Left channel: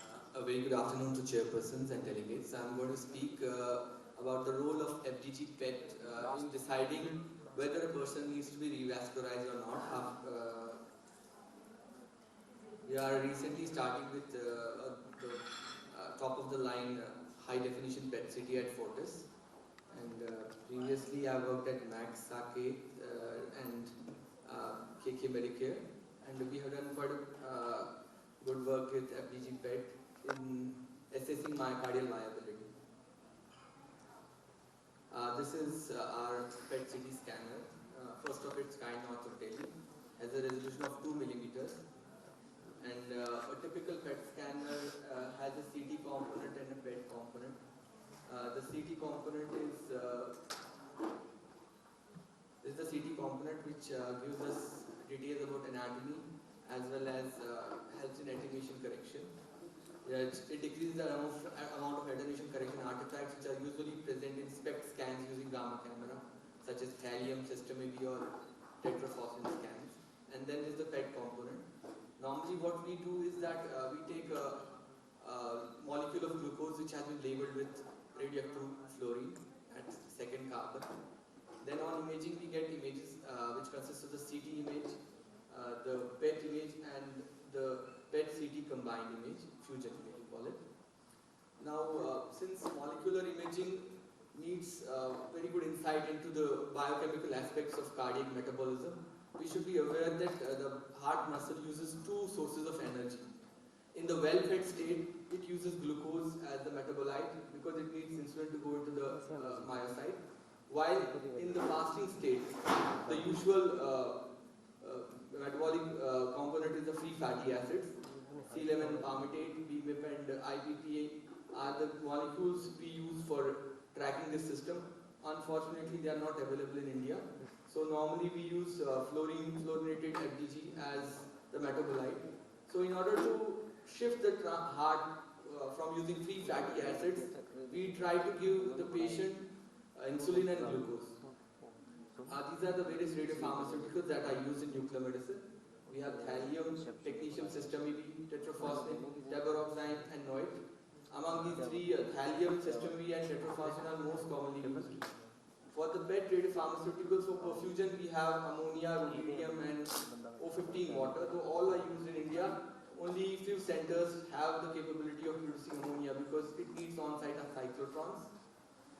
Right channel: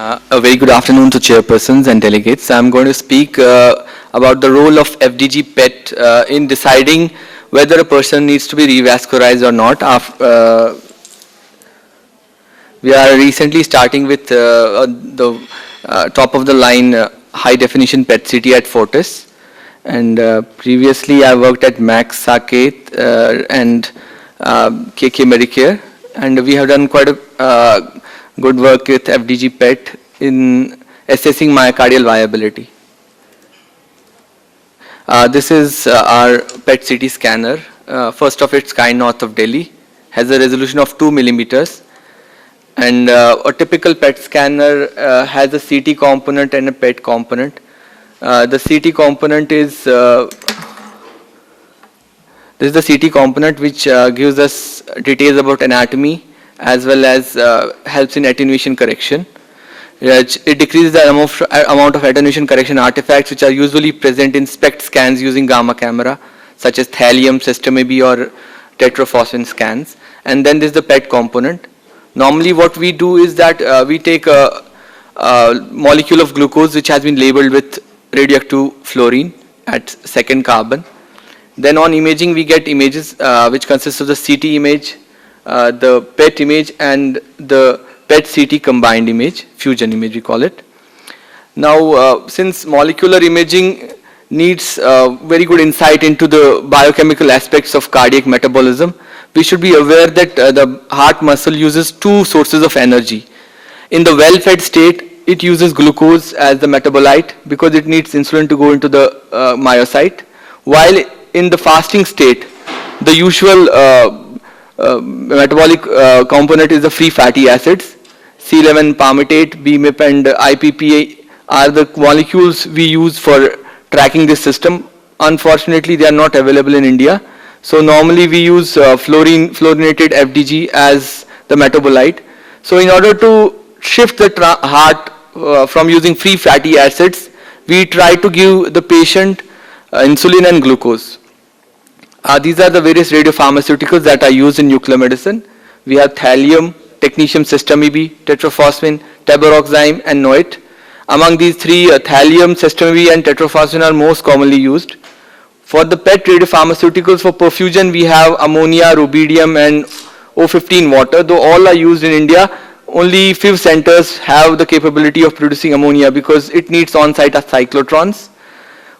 A very good afternoon to chairpersons and delegates. I'm going to speak about the role of FDG PET in deciding whether a person needs to be revascularized or not. We are recently starting with the top of the line high definition PET CT at Fortis, and previously I worked at Max Saket and KK Medicare, and we have done quite a good work with FDG PET in assessing myocardial viability. This is our PET CT scanner, first of its kind north of Delhi, has a resolution of 2 millimeters, and a typical PET scanner has a CT component and a PET component. The CT component is this is the CT component, which gives us details about anatomy as well as helps in attenuation correction. It decreases the amount of attenuation correction artifacts which are usually present in SPECT scans using gamma camera, such as thallium, system AB, or tetrophosphine scans. And then there's the PET component. Normally what we do is that we take a molecule of glucose which has been labeled with radioactive fluorine at second carbon. Then on imaging we get images which consist of the CT image, the PET image, and the PET CT combined image, fusion image we call it. Now since molecular imaging needs very good insight into the biochemical aspects of cardiac metabolism, we should be aware that the heart muscle uses two sources of energy. In the well-fed state, it uses glucose as the metabolite because it needs insulin to go into the myocyte, while in the fasting state, the usual metabolic component is the free fatty acids. C11 palmitate, BMIP, and IPPA are the molecules we use for tracking this system. Unfortunately, they are not available in India. So normally we use fluorinated FDG as the metabolite. So in order to shift the heart from using free fatty acids, we try to give the patient insulin and glucose. These are the various radiopharmaceuticals that are used in nuclear medicine. We have thallium, technetium system-EB, tetrophosphine, tabaroxime, and NOET. Among these three, thallium, system-EB, and tetrophosphine are most commonly used. For the PET radiopharmaceuticals for perfusion, we have ammonia, rubidium, and O15 water. Though all are used in India, only few centers have the capability of producing ammonia because it needs on-site cyclotrons.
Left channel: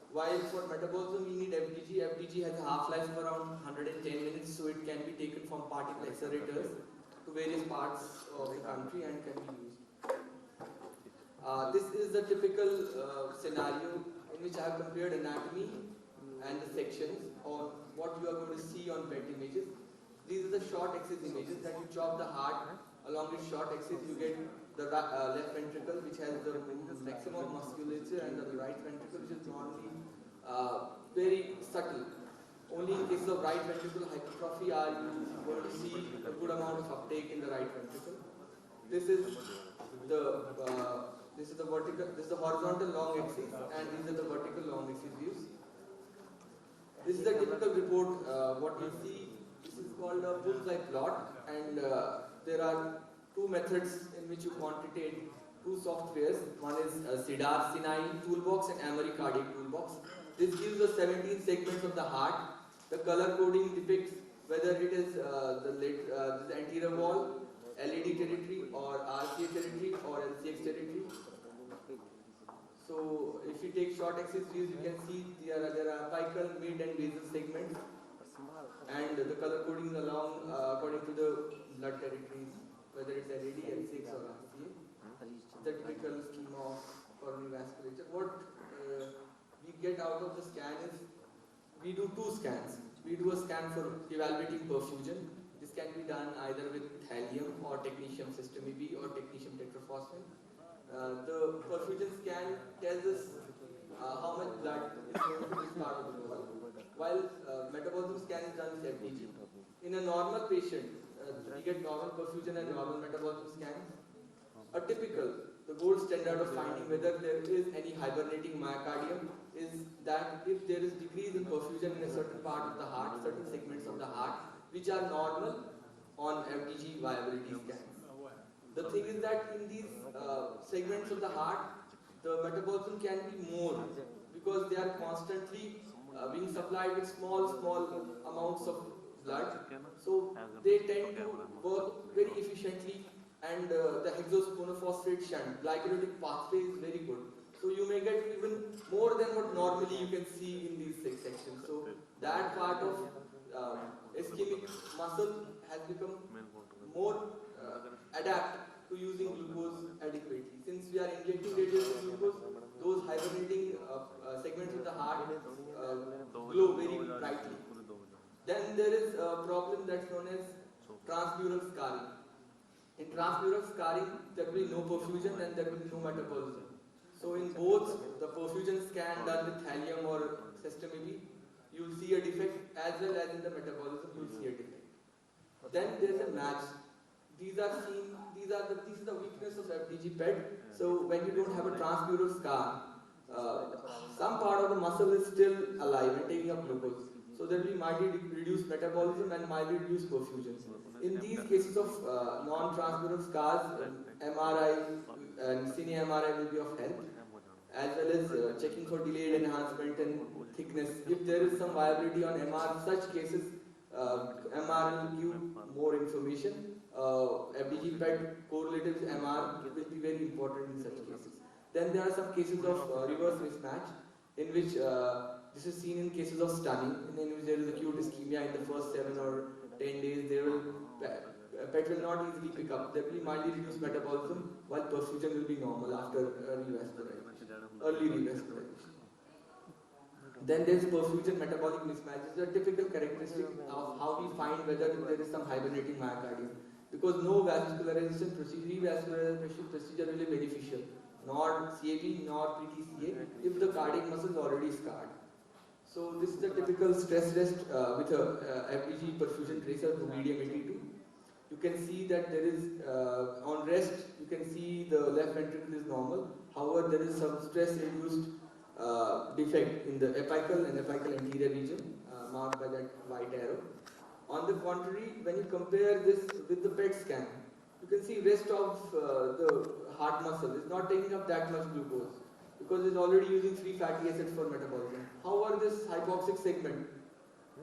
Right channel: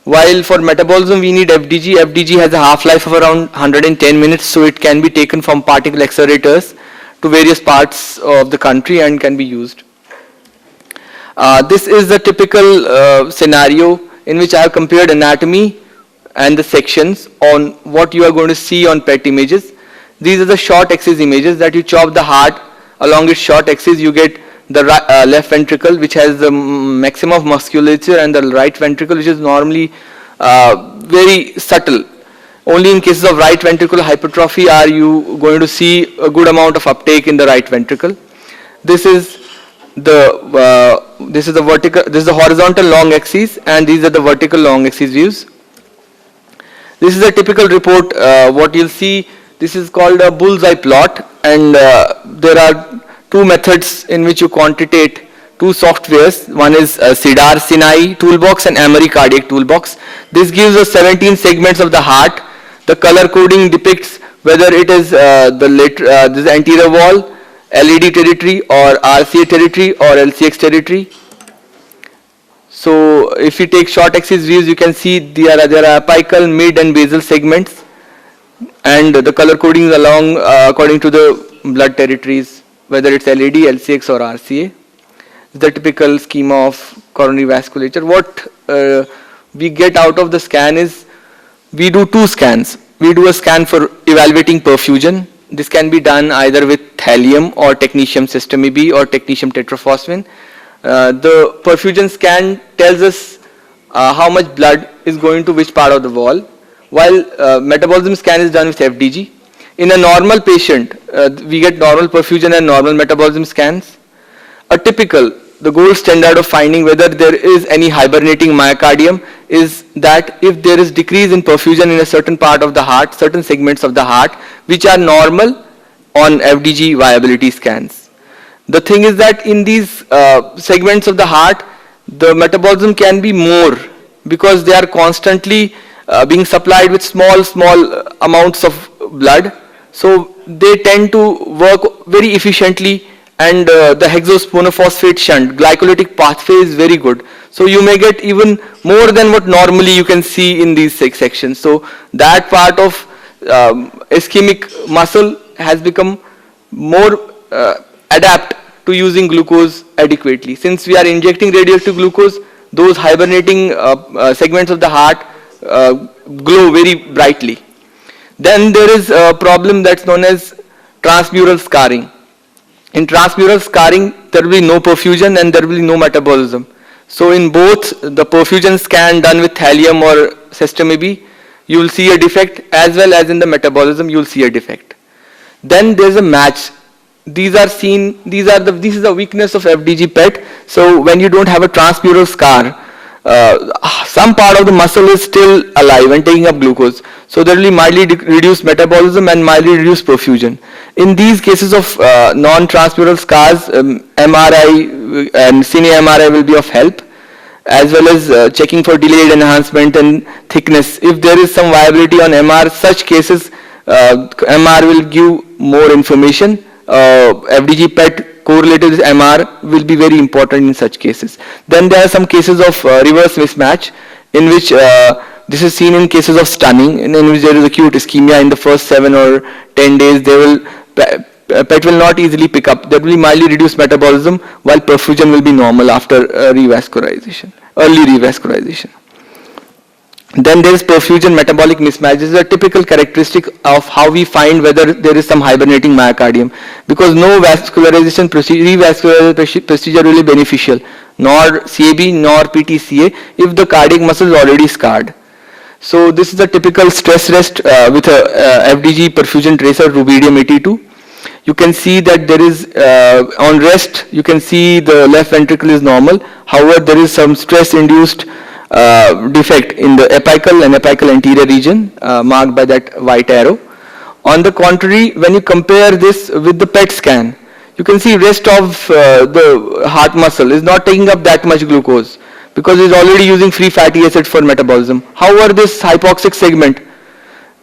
While for metabolism we need FDG. FDG has a half-life of around 110 minutes, so it can be taken from particle accelerators to various parts of the country and can be used. This is the typical scenario in which I have compared anatomy and the sections on what you are going to see on PET images. These are the short axis images that you chop the heart along its short axis. You get the left ventricle, which has the maximum of musculature, and the right ventricle, which is normally very subtle. Only in cases of right ventricular hypertrophy are you going to see a good amount of uptake in the right ventricle. This is the horizontal long axis, and these are the vertical long axis views. This is a typical report. What you'll see, this is called a bullseye plot, and there are two methods in which you quantitate two softwares. One is CIDAR Sinai toolbox and Amory cardiac toolbox. This gives us 17 segments of the heart. The color coding depicts whether it is this anterior wall, LED territory, or RCA territory, or LCX territory. So if you take short axis views, you can see there are apical, mid, and basal segments, and the color coding is along according to the blood territories, whether it's LED, LCX, or RCA. The typical schema of coronary vasculature. What we get out of the scan is we do two scans. We do a scan for evaluating perfusion. This can be done either with thallium or technetium system-EB or technetium tetrophosphine. The perfusion scan tells us how much blood is going to which part of the wall, while metabolism scan is done with FDG. In a normal patient, we get normal perfusion and normal metabolism scans. The gold standard of finding whether there is any hibernating myocardium is that if there is decrease in perfusion in a certain part of the heart, certain segments of the heart, which are normal on FDG viability scans. The thing is that in these segments of the heart, the metabolism can be more because they are constantly being supplied with small amounts of blood. So they tend to work very efficiently, and the hexosponophosphate shunt glycolytic pathway is very good. So you may get even more than what normally you can see in these sections. So that part of ischemic muscle has become more adapt to using glucose adequately. Since we are injecting radioactive glucose, those hibernating segments of the heart glow very brightly. Then there is a problem that's known as transmural scarring. In transmural scarring, there will be no perfusion and there will be no metabolism. So in both the perfusion scan done with thallium or sestamib, you will see a defect, as well as in the metabolism you will see a defect. Then there is a match. These are seen, this is the weakness of FDG PET. So when you don't have a transmural scar, some part of the muscle is still alive and taking up glucose. So there will be mildly reduced metabolism and mildly reduced perfusion. In these cases of non-transmural scars, MRI and cine MRI will be of help, as well as checking for delayed enhancement and thickness. If there is some viability on MR, such cases, MR will give more information. FDG PET correlated with MR will be very important in such cases. Then there are some cases of reverse mismatch, in which this is seen in cases of stunning, in which there is acute ischemia in the first 7 or 10 days. PET will not easily pick up. There will be mildly reduced metabolism, while perfusion will be normal after revascularization, early revascularization. Then there is perfusion metabolic mismatch. This is a typical characteristic of how we find whether there is some hibernating myocardium, because no revascularization procedure will be beneficial, nor CAB nor PTCA, if the cardiac muscle is already scarred. So this is a typical stress rest with a FDG perfusion tracer, rubidium 82. You can see that there is, on rest, you can see the left ventricle is normal. However, there is some stress-induced defect in the apical and apical anterior region, marked by that white arrow. On the contrary, when you compare this with the PET scan, you can see rest of the heart muscle is not taking up that much glucose, because it's already using free fatty acids for metabolism. However, this hypoxic segment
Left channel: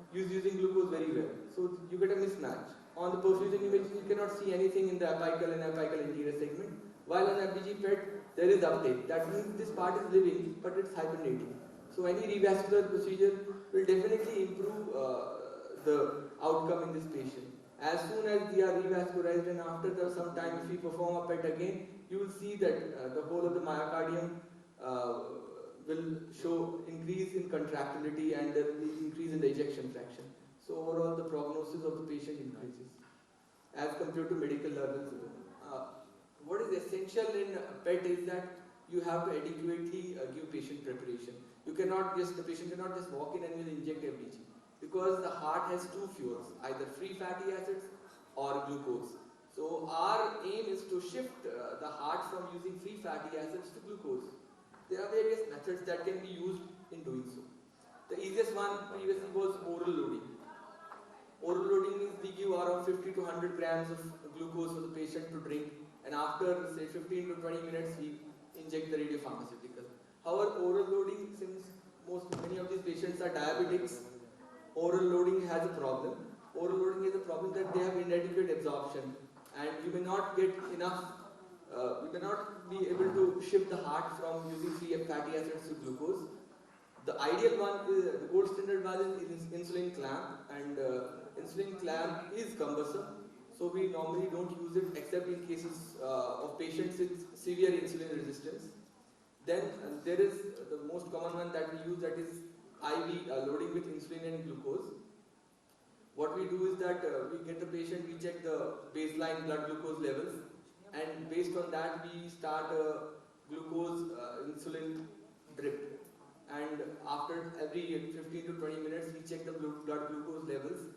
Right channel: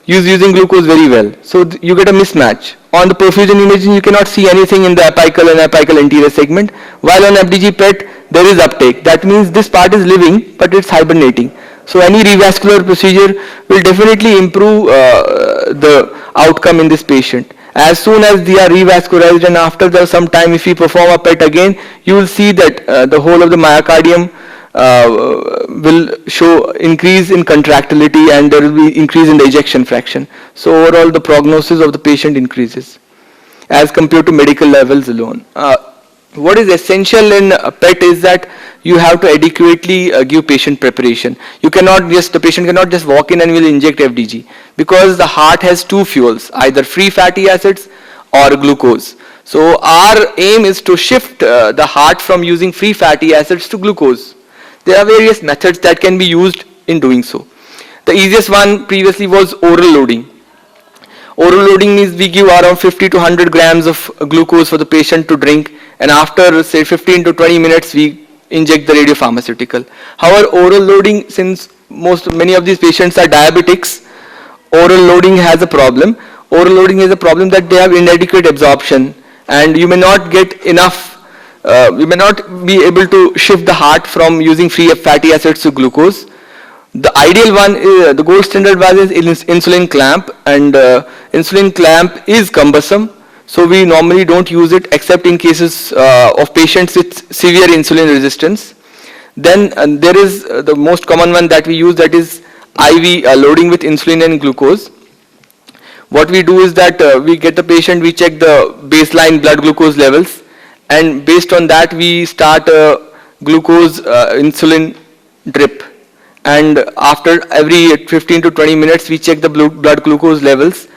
is using glucose very well. So you get a mismatch. On the perfusion imaging, you cannot see anything in the apical and apical anterior segment, while on FDG PET, there is uptake. That means this part is living, but it's hibernating. So any revascular procedure will definitely improve the outcome in this patient. As soon as they are revascularized, and after some time, if we perform a PET again, you will see that the whole of the myocardium will show increase in contractility, and there will be increase in the ejection fraction. So overall, the prognosis of the patient increases as compared to medical levels alone. What is essential in PET is that you have to adequately give patient preparation. You cannot just, the patient cannot just walk in and will inject FDG, because the heart has two fuels, either free fatty acids or glucose. So our aim is to shift the heart from using free fatty acids to glucose. There are various methods that can be used in doing so. The easiest one previously was oral loading. Oral loading means we give around 50 to 100 grams of glucose for the patient to drink, and after say 15 to 20 minutes we inject the radiopharmaceutical. However, oral loading, since many of these patients are diabetics, oral loading has a problem. Oral loading is a problem that they have inadequate absorption, and you may not get enough, you may not be able to shift the heart from using free fatty acids to glucose. The ideal one, the gold standard one is insulin clamp, and insulin clamp is cumbersome, so we normally don't use it except in cases of patients with severe insulin resistance. Then there is the most common one that we use, that is IV loading with insulin and glucose. What we do is that we get the patient, we check the baseline blood glucose levels, and based on that we start a glucose insulin drip. And after every 15 to 20 minutes, we check the blood glucose levels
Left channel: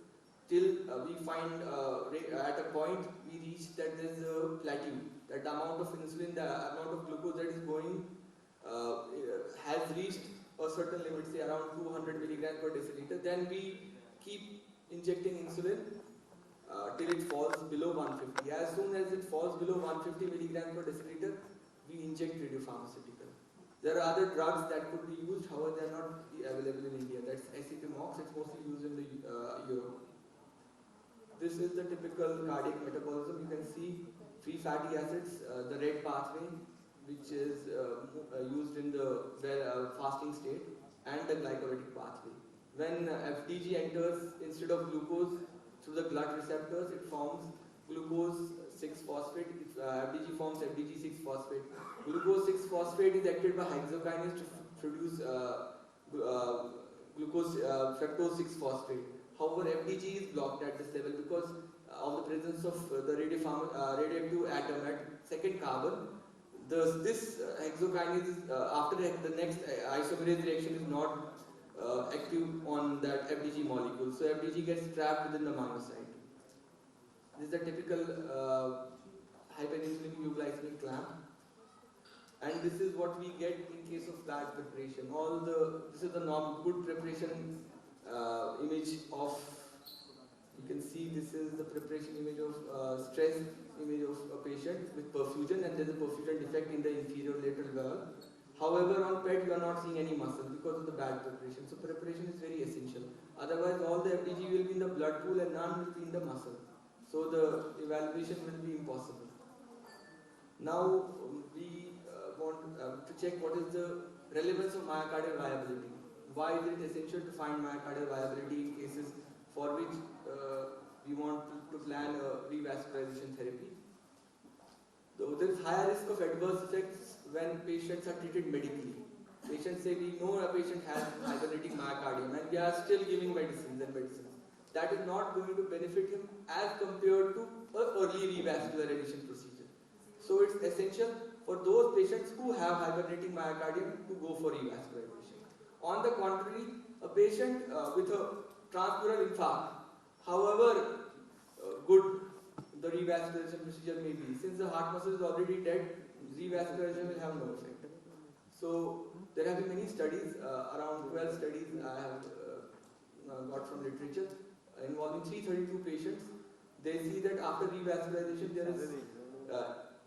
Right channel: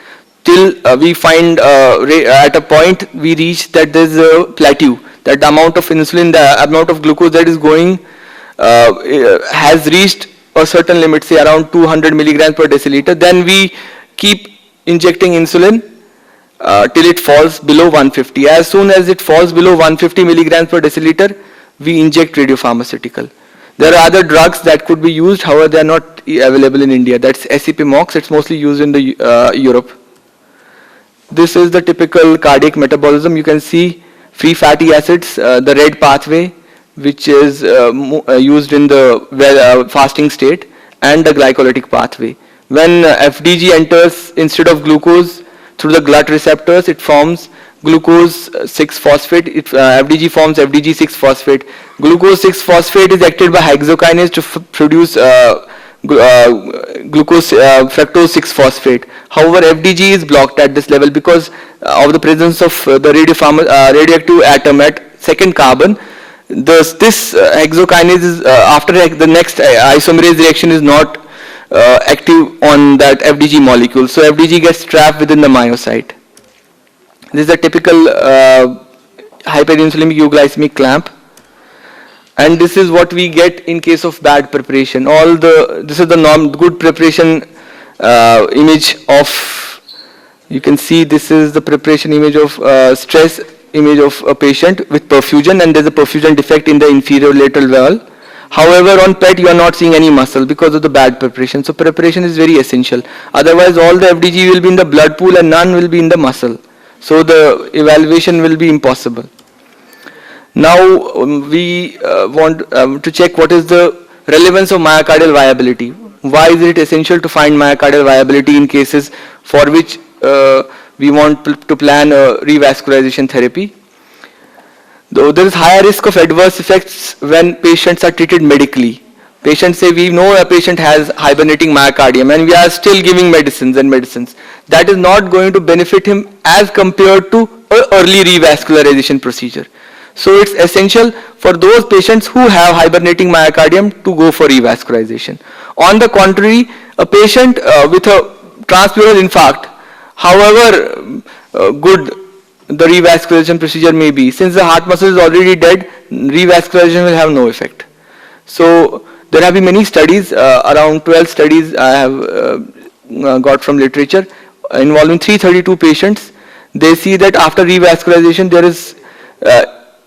till we find at a point we reach that there is a plateau, that the amount of insulin, the amount of glucose that is going has reached a certain limit, say around 200 milligrams per deciliter. Then we keep injecting insulin till it falls below 150. As soon as it falls below 150 milligrams per deciliter, we inject radiopharmaceutical. There are other drugs that could be used, however, they are not available in India. That's SCP-MOX. It's mostly used in the Europe. This is the typical cardiac metabolism. You can see free fatty acids, the red pathway, which is used in the fasting state, and the glycolytic pathway. When FDG enters instead of glucose through the glut receptors, it forms glucose 6-phosphate. FDG forms FDG 6-phosphate. Glucose 6-phosphate is acted by hexokinase to produce glucose fructose 6-phosphate. However, FDG is blocked at this level because of the presence of the radioactive atom at second carbon. This hexokinase is after the next isomerase reaction is not active on that FDG molecule. So FDG gets trapped within the myocyte. This is a typical hyperinsulinic euglycemic clamp. And this is what we get in case of bad preparation. This is the good preparation image of, you can see this is the preparation image of stress image of a patient with perfusion, and there's a perfusion defect in the inferior lateral wall. However, on PET you are not seeing any muscle because of the bad preparation. So preparation is very essential. Otherwise all the FDG will be in the blood pool and none will be in the muscle. So the evaluation will be impossible. Now we want to check what is the relevance of myocardial viability. Why is it essential to find myocardial viability in cases for which we want to plan a revascularization therapy? Though there is higher risk of adverse effects when patients are treated medically. Patients say we know a patient has hibernating myocardium and we are still giving medicines. That is not going to benefit him as compared to an early revascularization procedure. So it's essential for those patients who have hibernating myocardium to go for revascularization. On the contrary, a patient with a transpleural infarct, however good the revascularization procedure may be, since the heart muscle is already dead, revascularization will have no effect. So there have been many studies, around 12 studies I have got from literature involving 332 patients. They see that after revascularization there is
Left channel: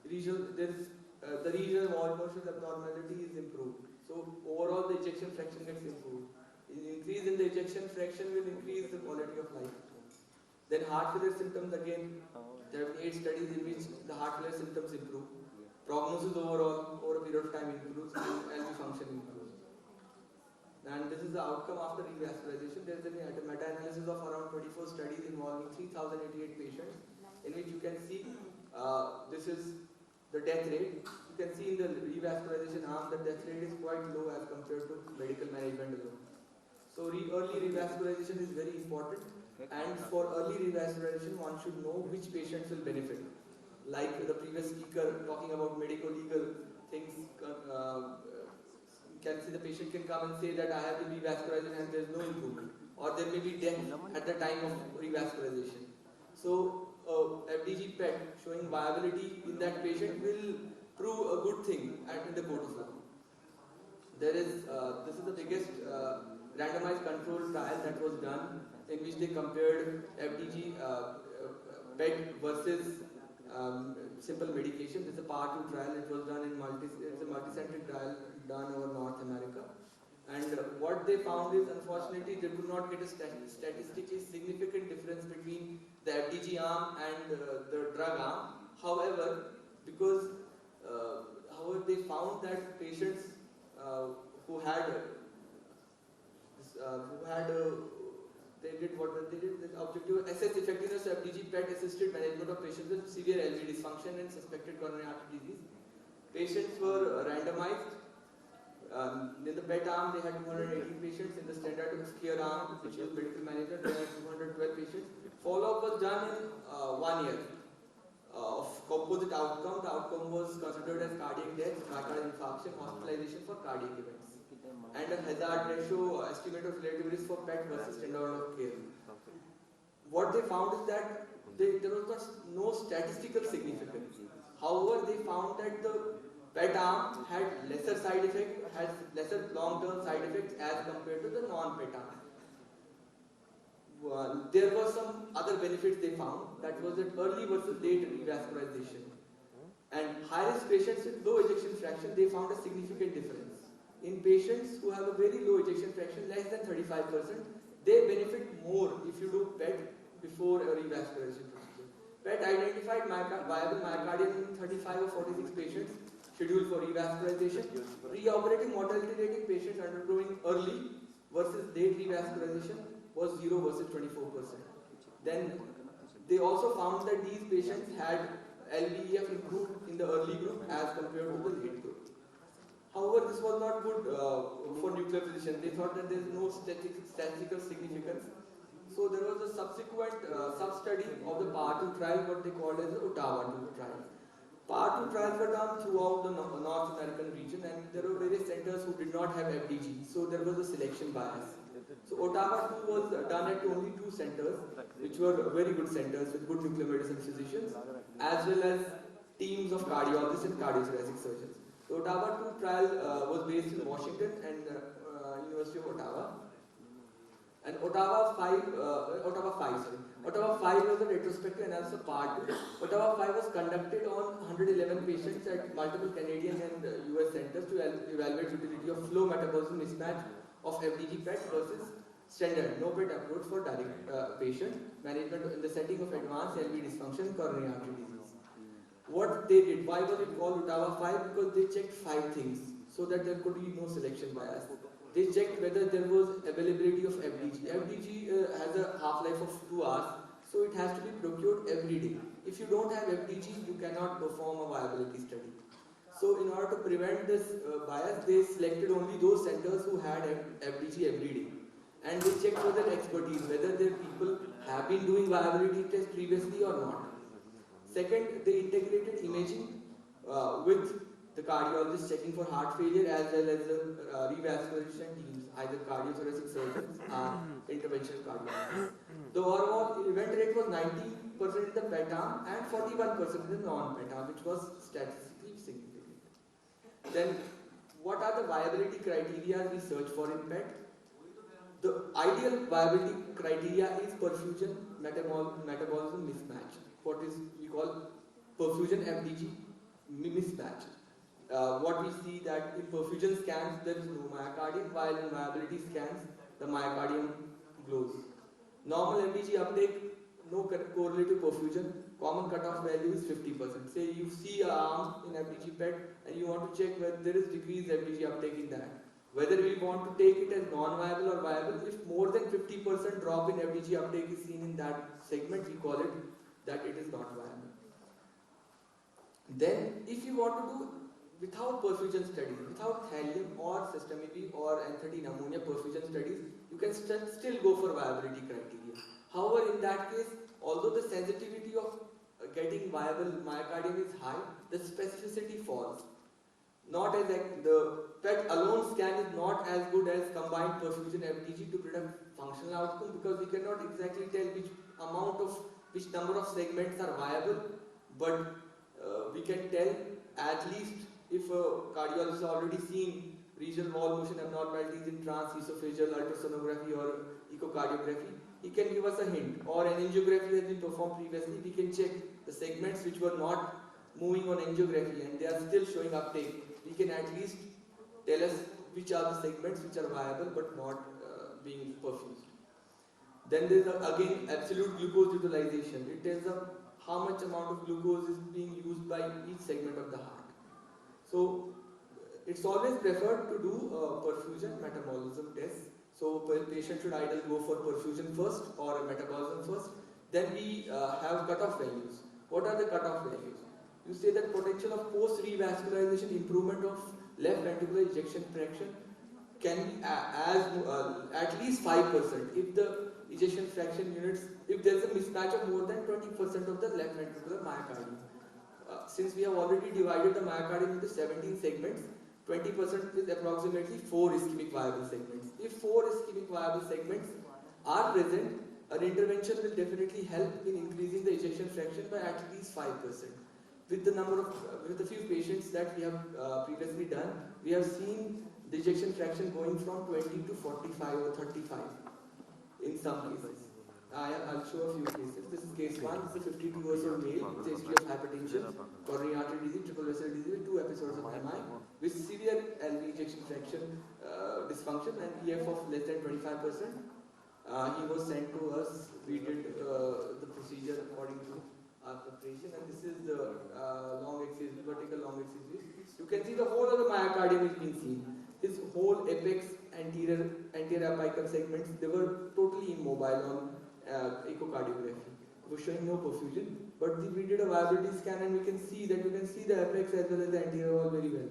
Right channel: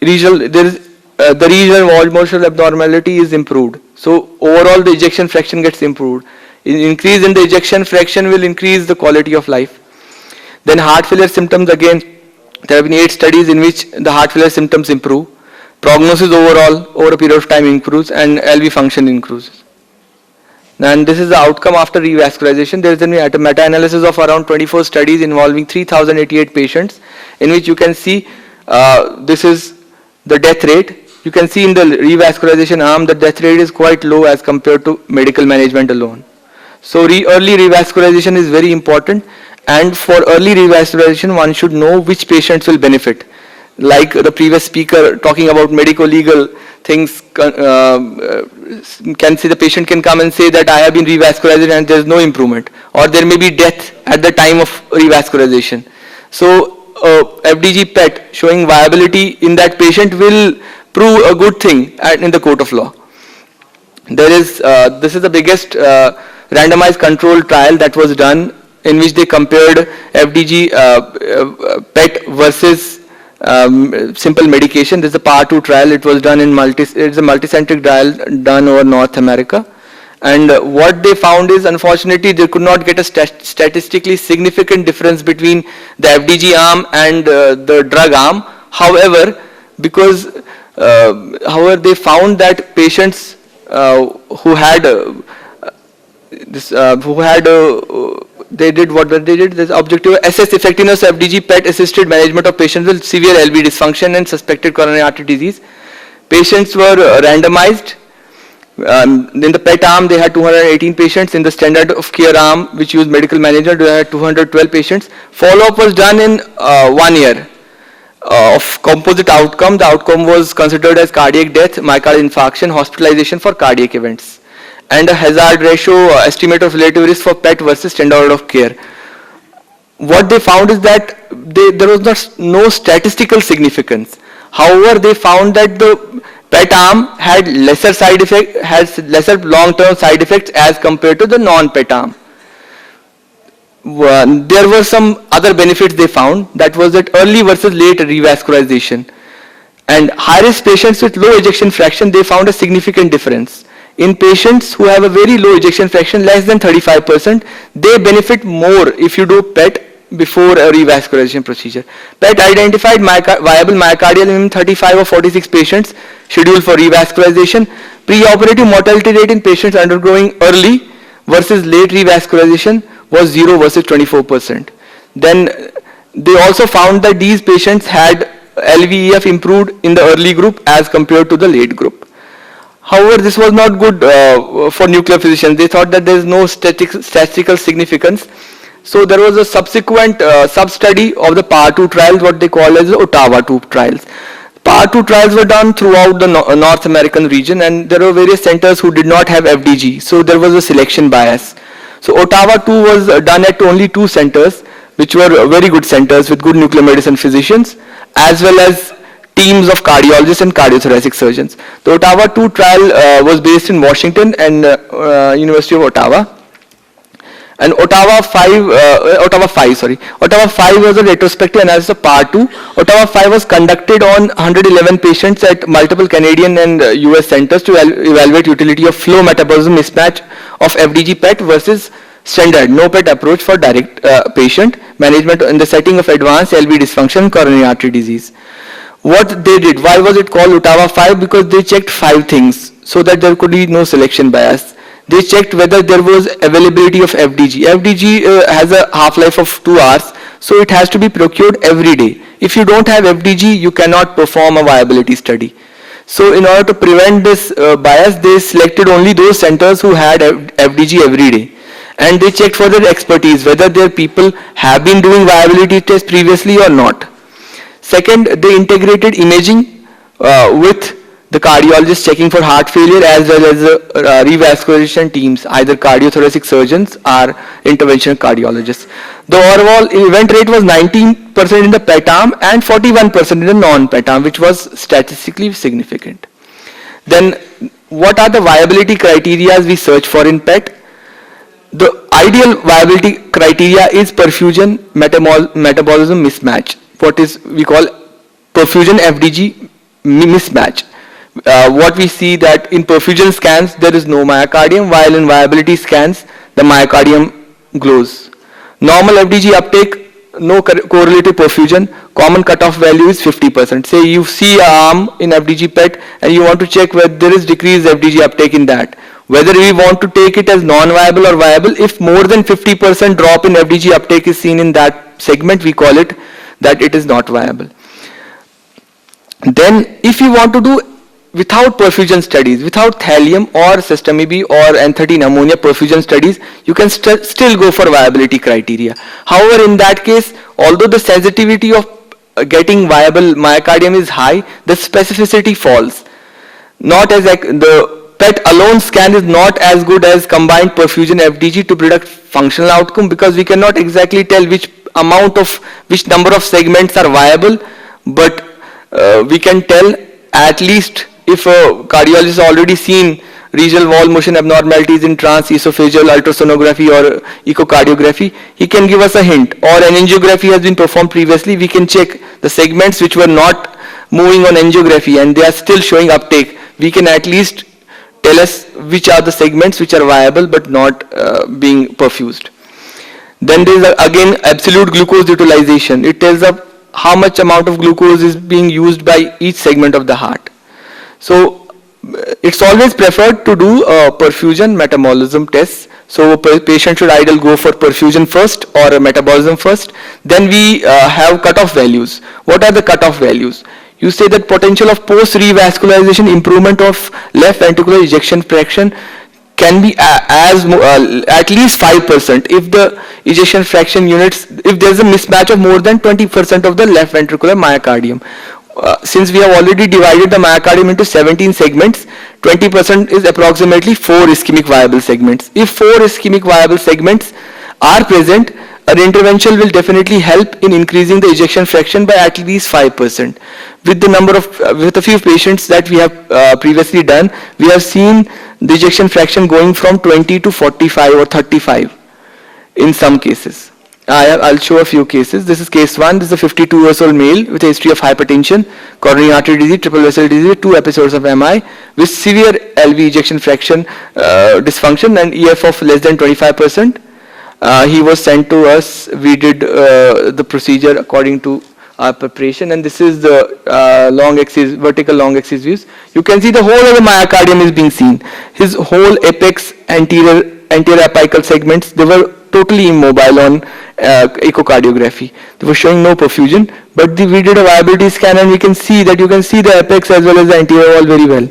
the regional wall motion abnormality is improved. So overall the ejection fraction gets improved. Increase in the ejection fraction will increase the quality of life. Then heart failure symptoms, again there have been 8 studies in which the heart failure symptoms improve. Prognosis overall over a period of time improves and LV function improves. And this is the outcome after revascularization. There is a meta-analysis of around 24 studies involving 3,088 patients, in which you can see this is the death rate. You can see in the revascularization arm the death rate is quite low as compared to medical management alone. So early revascularization is very important, and for early revascularization one should know which patients will benefit. Like the previous speaker talking about medico-legal things, can see the patient can come and say that I have been revascularized and there is no improvement, or there may be death at the time of revascularization. So FDG PET showing viability in that patient will prove a good thing in the court of law. This is the biggest randomized controlled trial that was done, in which they compared FDG PET versus simple medication. This is a part 2 trial. It was done in it's a multicentric trial done over North America. And what they found is, unfortunately, they could not get a statistically significant difference between the FDG arm and the drug arm. However, they found that patients who had they did what they did. This objective assess effectiveness of FDG PET assisted management of patients with severe LV dysfunction and suspected coronary artery disease. Patients were randomized. In the PET arm, they had 218 patients. In the standard of care arm, which used medical management, they had 212 patients. Follow-up was done in 1 year. Of composite outcome, the outcome was considered as cardiac death, myocardial infarction, hospitalization for cardiac events, and a hazard ratio estimate of relative risk for PET versus standard of care. What they found is that there was no statistical significance. However, they found that the PET arm had lesser side effect, has lesser long-term side effects as compared to the non-PET arm. there were some other benefits they found. That was that early versus late revascularization. And high-risk patients with low ejection fraction, they found a significant difference. In patients who have a very low ejection fraction, less than 35%, they benefit more if you do PET before a revascularization procedure. PET identified viable myocardial in 35 or 46 patients scheduled for revascularization. Preoperative mortality rate in patients undergoing early versus late revascularization was 0 versus 24%. Then they also found that these patients had LVEF improved in the early group as compared to the late group. However, this was not good for nuclear physicians. They thought that there is no statistical significance. So there was a subsequent sub-study of the PAR 2 trials, what they call as the Ottawa 2 trials. PAR 2 trials were done throughout the North American region, and there were various centers who did not have FDG. So there was a selection bias. So Ottawa 2 was done at only 2 centers, which were very good centers with good nuclear medicine physicians, as well as teams of cardiologists and cardiothoracic surgeons. The Ottawa 2 trial was based in Washington and University of Ottawa. And Ottawa 5 was a retrospective analysis of PAR 2. Ottawa 5 was conducted on 111 patients at multiple Canadian and US centers to evaluate utility of flow metabolism mismatch of FDG PET versus standard no PET approach for direct patient management in the setting of advanced LV dysfunction and coronary artery disease. What they did, why was it called Ottawa 5? Because they checked 5 things so that there could be no selection bias. They checked whether there was availability of FDG. FDG has a half-life of 2 hours, so it has to be procured every day. If you don't have FDG, you cannot perform a viability study. So in order to prevent this bias, they selected only those centers who had FDG every day. And they checked for their expertise, whether their people have been doing viability tests previously or not. Second, they integrated imaging with the cardiologist checking for heart failure as well as the revascularization teams, either cardiothoracic surgeons or interventional cardiologists. The overall event rate was 19% in the PET arm and 41% in the non-PET arm, which was statistically significant. Then, what are the viability criteria we search for in PET? The ideal viability criteria is perfusion metabolism mismatch, what is we call perfusion FDG mismatch. What we see that in perfusion scans there is no myocardium, while in viability scans the myocardium glows. Normal FDG uptake, no correlative perfusion, common cutoff value is 50%. Say you see an arm in FDG PET and you want to check whether there is decreased FDG uptake in that. Whether we want to take it as non-viable or viable, if more than 50% drop in FDG uptake is seen in that segment, we call it that it is not viable. Then if you want to do without perfusion studies, without thallium or sestamibi B or N13 ammonia perfusion studies, you can still go for viability criteria. However, in that case, although the sensitivity of getting viable myocardium is high, the specificity falls. Not as like the PET alone scan is not as good as combined perfusion FDG to predict functional outcome, because we cannot exactly tell which number of segments are viable, but we can tell at least if a cardiologist has already seen regional wall motion abnormalities in transesophageal ultrasonography or echocardiography, he can give us a hint. Or an angiography has been performed previously, we can check the segments which were not moving on angiography and they are still showing uptake. We can at least tell us which are the segments which are viable but not being perfused. Then there is again absolute glucose utilization. It tells us how much amount of glucose is being used by each segment of the heart. So it's always preferred to do a perfusion metabolism test. So a patient should ideally go for perfusion first or a metabolism first. Then we have cutoff values. What are the cutoff values? You say that potential of post-revascularization improvement of left ventricular ejection fraction can be at least 5% if the ejection fraction units, if there is a mismatch of more than 20% of the left ventricular myocardium. Since we have already divided the myocardium into 17 segments, 20% is approximately 4 ischemic viable segments. If 4 ischemic viable segments are present, an intervention will definitely help in increasing the ejection fraction by at least 5%. With a few patients that we have previously done, we have seen the ejection fraction going from 20 to 45 or 35 in some cases. I'll show a few cases. This is case 1. This is a 52 years old male with a history of hypertension, coronary artery disease, triple vessel disease, 2 episodes of MI with severe LV ejection fraction dysfunction and EF of less than 25%. He was sent to us. We did the procedure according to our preparation, and this is the long axis, vertical long axis views. You can see the whole of the myocardium is being seen. His whole apex, anterior apical segments, they were totally immobile on echocardiography. They were showing no perfusion, but we did a viability scan and we can see that you can see the apex as well as the anterior wall very well.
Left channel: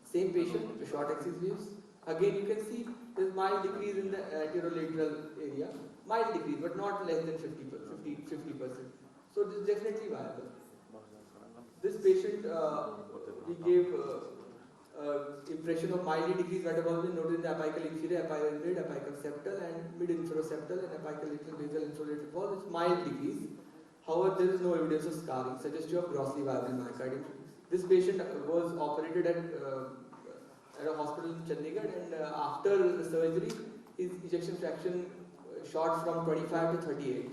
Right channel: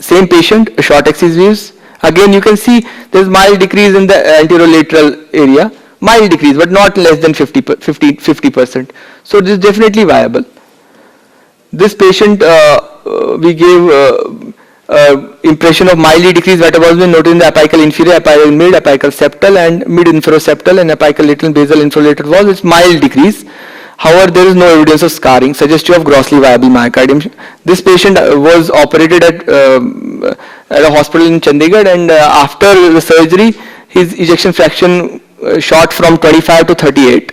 Same patient, short axis views. Again, you can see there's mild decrease in the anterolateral area, mild decrease, but not less than 50%. So this is definitely viable. This patient, we gave impression of mildly decreased metabolism noted in the apical inferior, apical mid, apical septal and mid inferoseptal and apical lateral basal infrolateral wall. It's mild decrease. However, there is no evidence of scarring, suggestive of grossly viable myocardium. This patient was operated at a hospital in Chandigarh, and after the surgery, his ejection fraction shot from 25 to 38.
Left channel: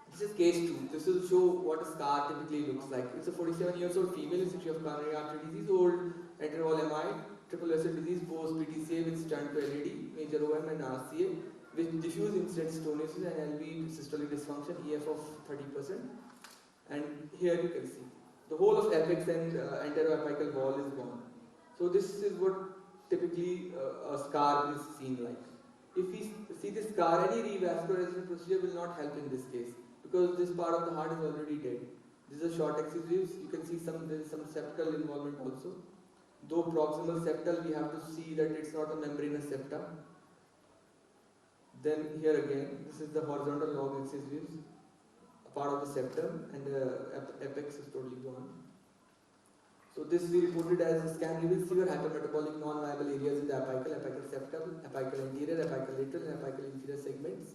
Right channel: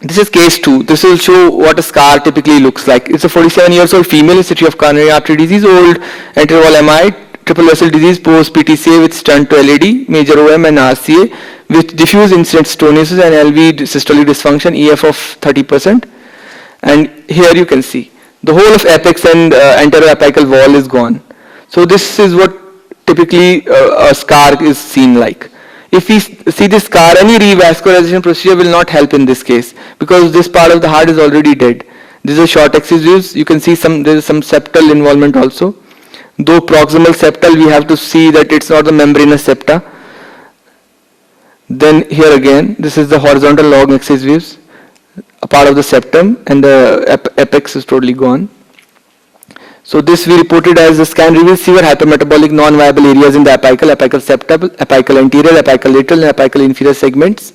This is case 2. This will show what a scar typically looks like. It's a 47 years old female, history of coronary artery disease, old anterior wall MI, triple vessel disease, post PTCA with stent to LAD, major OM and RCA, with diffuse incident stenosis and LV systolic dysfunction, EF of 30%. And here you can see the whole of apex and anterior apical wall is gone. So this is what typically a scar is seen like. If we see this scar, any revascularization procedure will not help in this case because this part of the heart is already dead. This is a short axis views. You can see there is some septal involvement also. Though proximal septal, we have to see that it's not the membranous septa. Then here again, this is the horizontal long axis views, a part of the septum, and the apex is totally gone. So this we reported as the scan reveals severe hypermetabolic non-viable areas in the apical, apical septal, apical anterior, apical lateral, and apical inferior segments.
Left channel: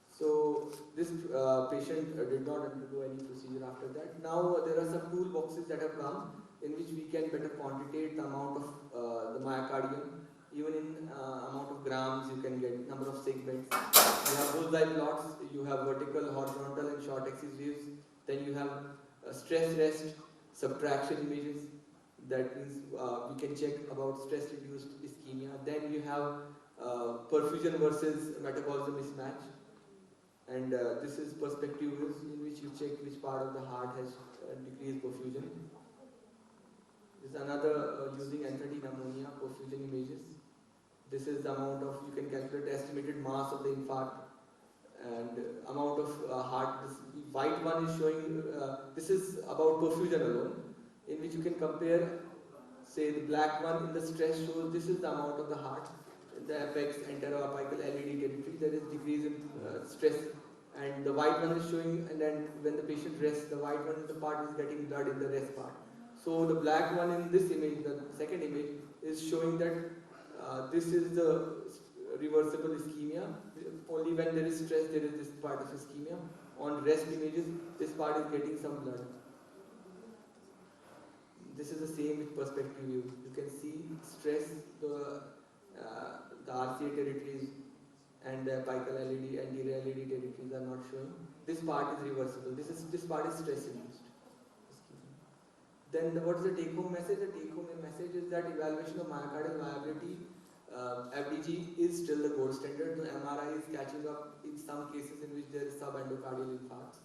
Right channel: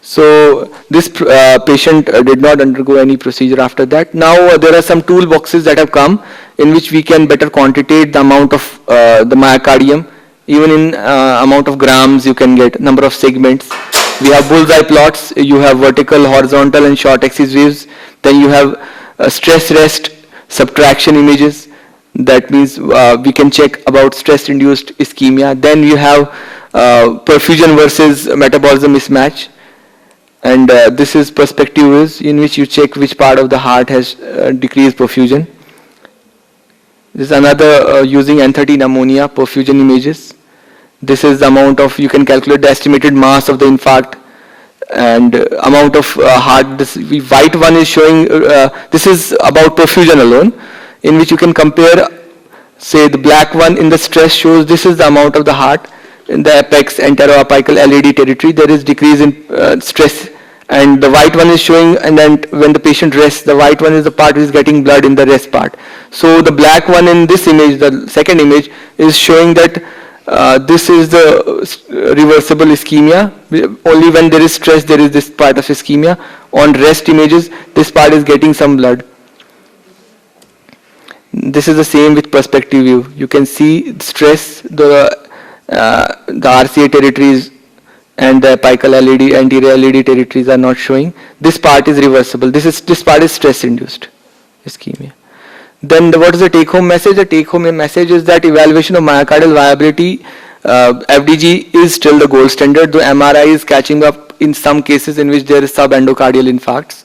So this patient did not undergo any procedure after that. Now there are some toolboxes that have come in which we can better quantitate the amount of the myocardium. Even in amount of grams you can get number of segments. We have bullseye plots. You have vertical, horizontal and short axis views. Then you have stress rest subtraction images. That means we can check about stress induced ischemia. Then you have perfusion versus metabolism mismatch. And this is perspective views in which you check which part of the heart has decreased perfusion. This is another using N13 ammonia perfusion images. This is the amount of, you can calculate the estimated mass of the infarct and amount of heart. This white one is showing, this is about perfusion alone, in which you can compare, say the black one in the stress shows this is the amount of the heart. In the apex, anteroapical LAD territory, there is decrease in stress. And the white one is showing, and then when the patient rests, the white one is the part which is getting blood in the rest part. So the black one in this image, the second image, is showing that this is the reversible ischemia. Only when there is stress, there is this part of ischemia. On rest images, this part is getting some blood. This is the same with perspective view. You can see stress, the RCA territories and the apical LAD, anterior LAD territories are not showing. This part is reversible. This part is stress induced ischemia. Then what is the take home message? The take home message is that evaluation of myocardial viability, FDG is still the gold standard, though MRI is catching up in some cases in which there is subendocardial infarcts.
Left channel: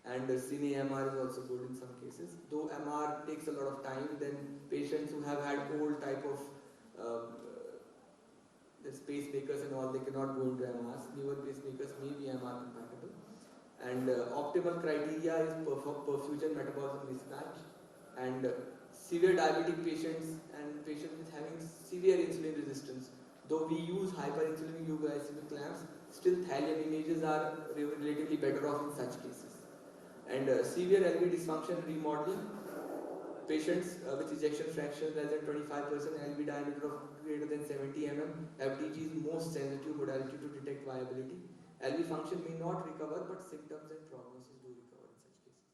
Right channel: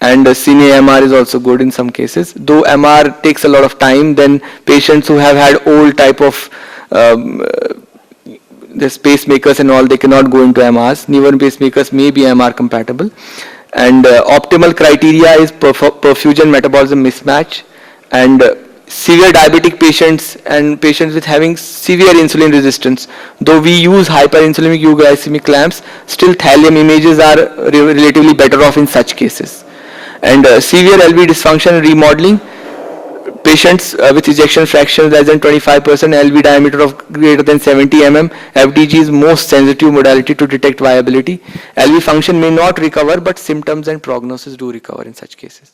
And Cine-MR is also good in some cases. Though MR takes a lot of time, then patients who have had old type of the pacemakers and all, they cannot go into MRs. Newer pacemakers may be MR compatible. And optimal criteria is perfusion metabolism mismatch, and severe diabetic patients and patients with having severe insulin resistance. Though we use hyperinsulinic euglycemic clamps, still thallium images are relatively better off in such cases. And severe LV dysfunction and remodeling, patients with ejection fraction less than 25%, LV diameter of greater than 70 mm, FDG is most sensitive modality to detect viability. LV function may not recover, but symptoms and prognosis do recover in such cases.